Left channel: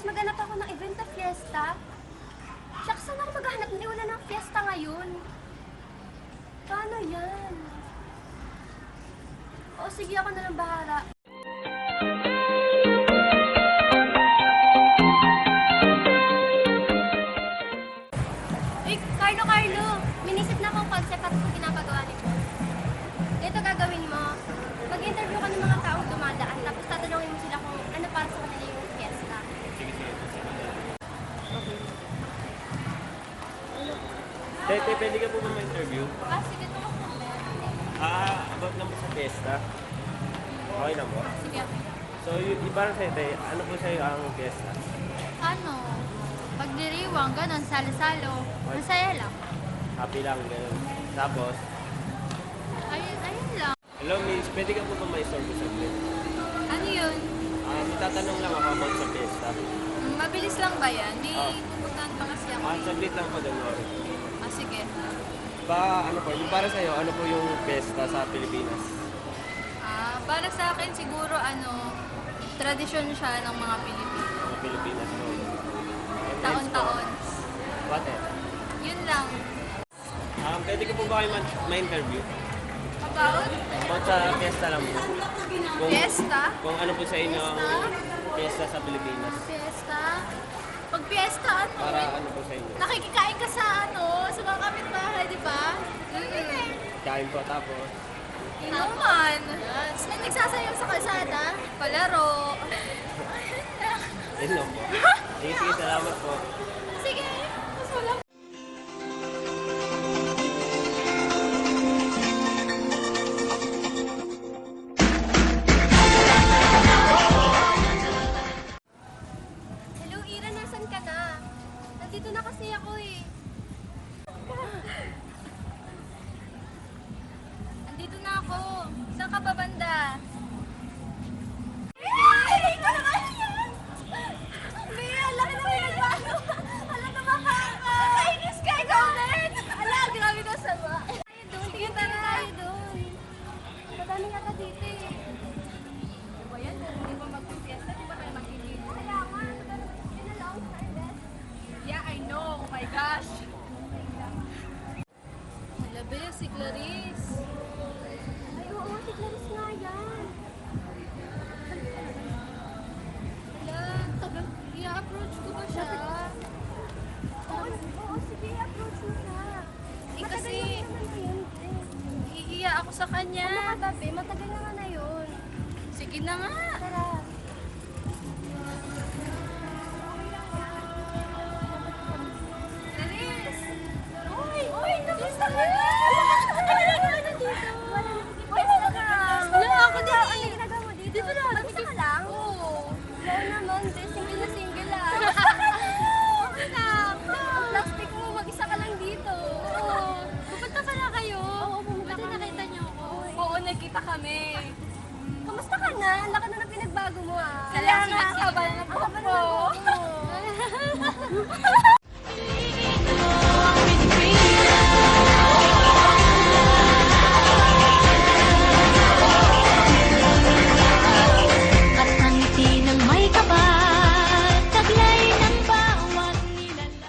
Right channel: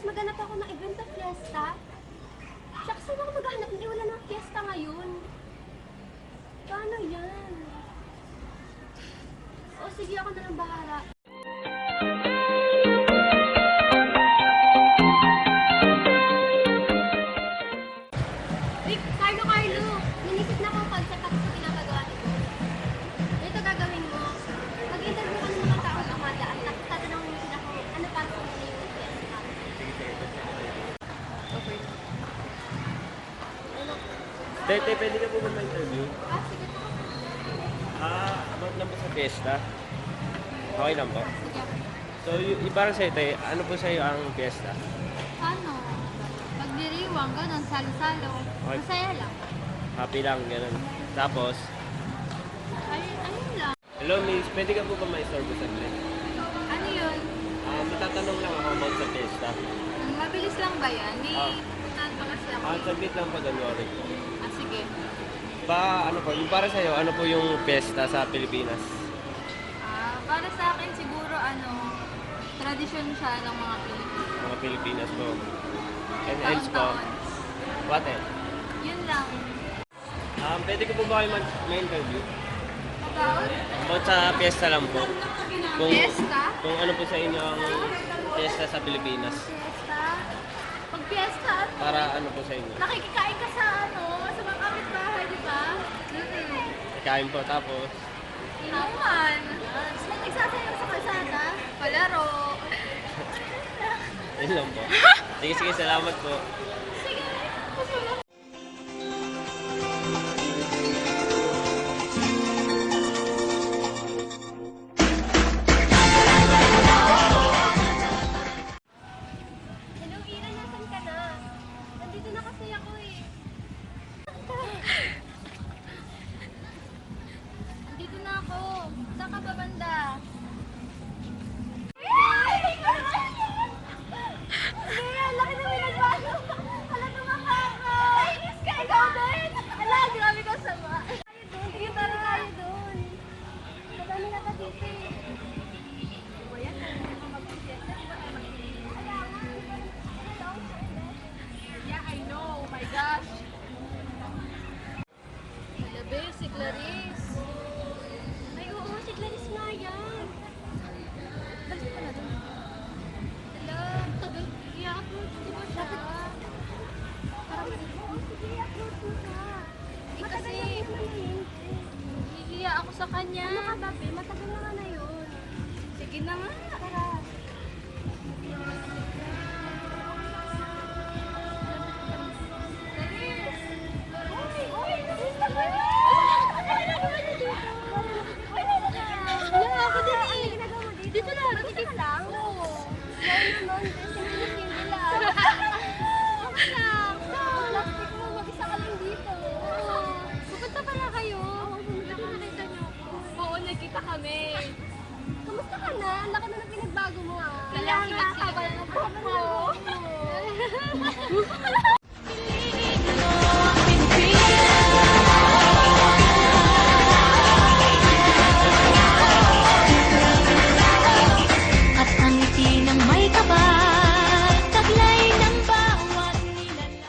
Tapos maghanap ako ng event na fiesta. Shucks, saan ako maghanap? Hindi, wala ng fiesta ngayon. Paano yan? O sige, ako na lang bahala. Carlo, minisip na akong concept at ito pinapagawa ni Paul. Ito gagawin mo. Mag-interview ka ng mga taong dumadaan, tapos tatanungin mo sila kung ano para sa kanila yung fiesta. Okay. Tay, pwede ka po ba ma-interview? Sige to. About naman sa fiesta. Okay lang ba? Sige. So, parang sa'yo, Tay, ano po sa'yo ang fiesta? Ano? Pagdiriwang, ganun, salo-salo. Masaya lang. Happy lang, gano'n. Tapos, Ayun lang. hello, Nils, pwede ka po ba ma-istorbo sa akin? Ano yun? Natatanong lang ako about sa fiesta. Mabilis lang ba yan? Di, Ah. punan pa kasi ako. Saglit lang pa January. Sige. Ano po, yung para sa'yo, ano po yung fiesta sa Pilipinas? Para sa akin siguro, tradisyon siya ng mga Pilipino. Mga Pilipinas po. And Taon-taon. What else? Yun lang. Pwede ko po ba kayo ma-interview? Taon? About sa fiesta lang po. Fiesta? Kung ano po sa inyo ang fiesta sa Pilipinas. Fiesta? Pag fiesta, Para ano po sa inyo. nakikikain ka sa sa mga kapitbahay, di ba? Kain po tapos. Naman. Tapos may nagsasayaw sa kalsada. Palaro. Yun lang po. Sige, salamat po. Sige. Kasi wala. Hello, Ira, nasan ka na? Nandito na kasi ako eh. Nandito na ako. Saan ka ba banda? Ay, ikaw naman yan! Ay, laki na may nagbago. Hala, tumakaka. Ay, Diyos ka, ikaw din. Hala, grabe ka sama. Tayo doon. Sige, tara tayo doon. Madami nga ka dito eh. Ayan, hindi ba mag-fiesta? Di ba kayo mag-fiesta? Wala nga. Yeah, I know. Oh my gosh. Labi, si Clarice. Ay, oo, si Clarice nga yan. Hala, tagal. I-approach ko ba siya? Oo, sige, approach mo na. Kasi, Matagal na yun. hihiya ako sa kanya. Ano ka, Babe? Matagal na yun. Sige na nga. Tara. Clarice. Uy, nakita ko na! Wala ako dito. Ano ginagawa mo dito? Dito na, mag-isa ka lang? Oo. Wala naman, single na single lang. Okay lang. Plastic mo, mag-isa ka lang dito. Oo. Pupunta pala kayo. Oo, pumunta Pati kami. nakita niyo ako. Oo, nagkita kami. Kamusta ka na? Ang laki na ng pinagbago mo ah. Kaya nga, haba ng Ang haba na ng buhok buhok mo.